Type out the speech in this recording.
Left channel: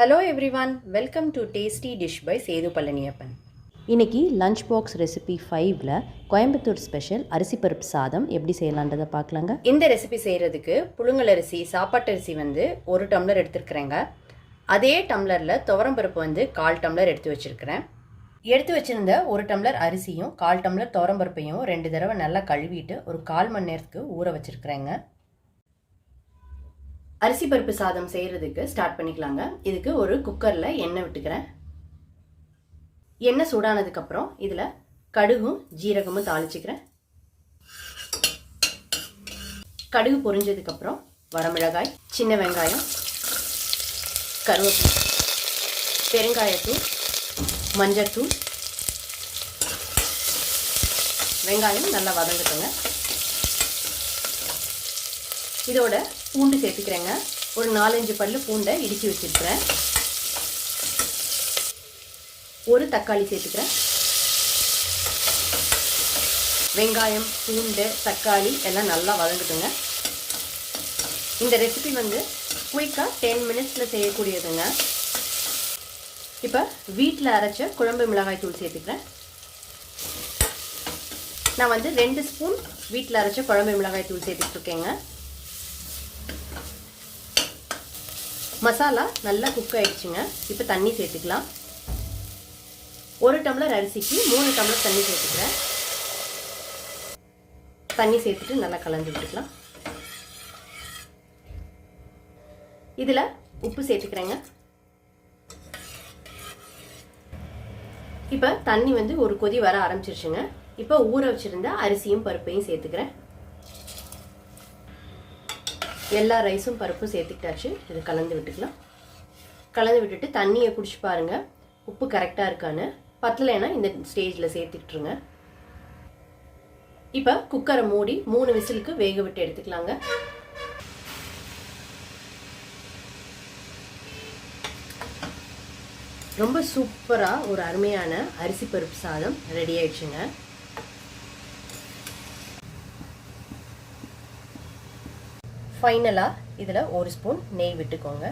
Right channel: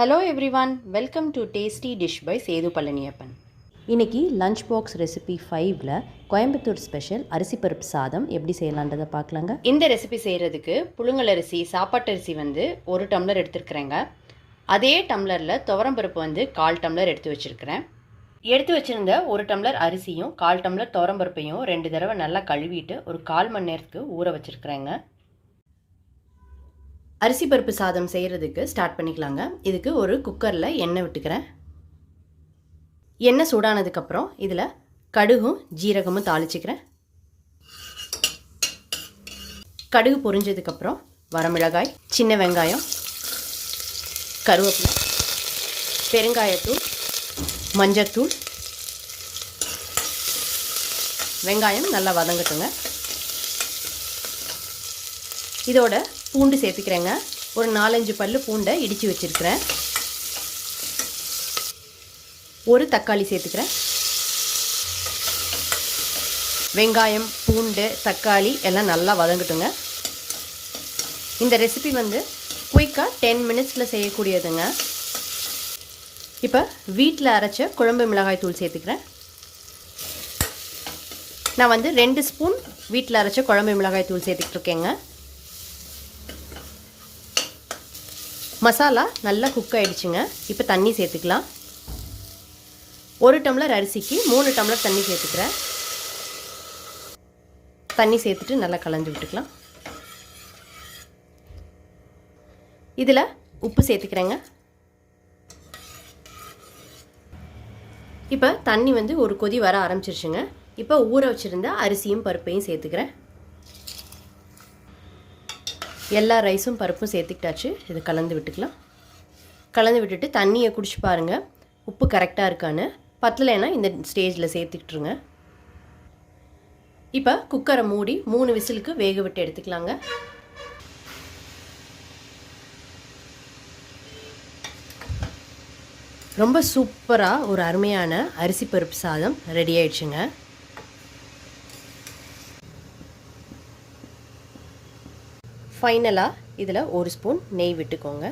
Hello everyone, welcome to tasty dish by Sethu Palaniappan. இன்றைக்கி lunch box recipe 5ல் Coimbatore special அரிசி பருப்பு சாதம் எப்படி செய்யலான்றதை பார்க்கலாங்க. இந்த ரெசிபி செய்கிறதுக்கு புழுங்கல் அரிசி, சாப்பாட்டு அரிசி வந்து 1 டம்ளர் எடுத்துருக்குறேங்க. அதே டம்ளரில் துவரம்பருப்பு வந்து 1/4 டம்ளர் எடுத்து வச்சுருக்கிறேன். எடுத்து வச்சுருந்த 1 டம்ளர் அரிசியும் 1/4 டம்ளர் துவரம்பருப்பையும் 2 தடவை நல்லா கழுவிட்டு ஒரு 1/4 மணி நேரத்துக்கு ஊற வச்சுருக்குறேங்க. அரிசி பருப்பு சாதம் செய்கிறதுக்கு ஸ்டார்ட் பண்ணிக்கலாங்க. இதுக்கு ஒரு குக்கரில் எண்ணெய் விட்டுக்கிறேன். எண்ணெய் சூடானதுக்கப்புறம் இதில் கடுகும் ஜீரகமும் தாளிச்சிக்கிறேன். கடுகு பொரிஞ்சதுக்கப்புறம் வரமிளகாய், சின்ன வெங்காயம், கருவேப்பிலை, பெருங்காயத்தூள், மஞ்சத்தூள், வெங்காயம் நல்லா வதங்கட்டுங்க. இதோட பூண்டு சேர்த்துக்கிறேங்க. ஒரு 4-5 பல்லு பூண்டை இடித்து வச்சுருக்கிறேன். ஒரு தக்காளி சேர்த்துக்கிறேன். வெங்காயம், பூண்டு, தக்காளி எல்லாம் நல்லா வதங்கட்டுங்க. இந்த ரெசிபி வந்து குயிக்காக 10 மினிட்ஸில் செய்யக்கூடியதுங்க. இப்போ வீட்டில் அரைச்ச குழம்பு மிளகாய் தூள் சேர்த்துக்கிறேன். நான் வந்து 2 ஸ்பூன் வீட்டில் அரைச்ச குழம்பு மிளகாய் தூள் சேர்த்துட்ருக்கேங்க. மசாலா நல்லா குக் ஆகிடுச்சுங்க. இப்போ தண்ணி சேர்த்துக்கலாம். 1 டம்ளர் அரிசிக்கு 3 டம்ளர் தண்ணி சேர்த்துக்கிறேன். தண்ணி சேர்த்துட்டு நல்லா கலந்து விட்டுக்கலாம். இதில் உப்பு சேர்த்துக்கிறேங்க. இப்போ தண்ணி வந்து ஒரு கொதி வர ஆரம்பிச்சிருச்சுங்க. இப்போ ஊற வச்சுருந்த அரிசியும் பருப்பையும் சேர்த்துக்கிறேன். எல்லா ரைஸும் பருப்பும் சேர்த்துக்கிட்டாச்சு. இதை கலந்து விட்டுக்கலாம். கலந்து விட்டுட்டு தண்ணியை குடிச்சு பாருங்கள், உப்பு கரெக்டாக இருக்கான்னு. பத்தலைன்னா இந்த ஸ்டேஜில் சேர்த்துக்கிட்டுருங்க. இப்போ குக்கரை மூடி 3 விசிலுக்கு வேக விட்டு எடுத்துக்கலாங்க. ரொம்ப சூப்பராக ஒரு அருமையான அரிசி பருப்பு சாதம் ரெடி ஆயிடுச்சுங்க. ஃபைனலாக இதில் 1 ஸ்பூன் நெய் விட்டுக்கோங்க.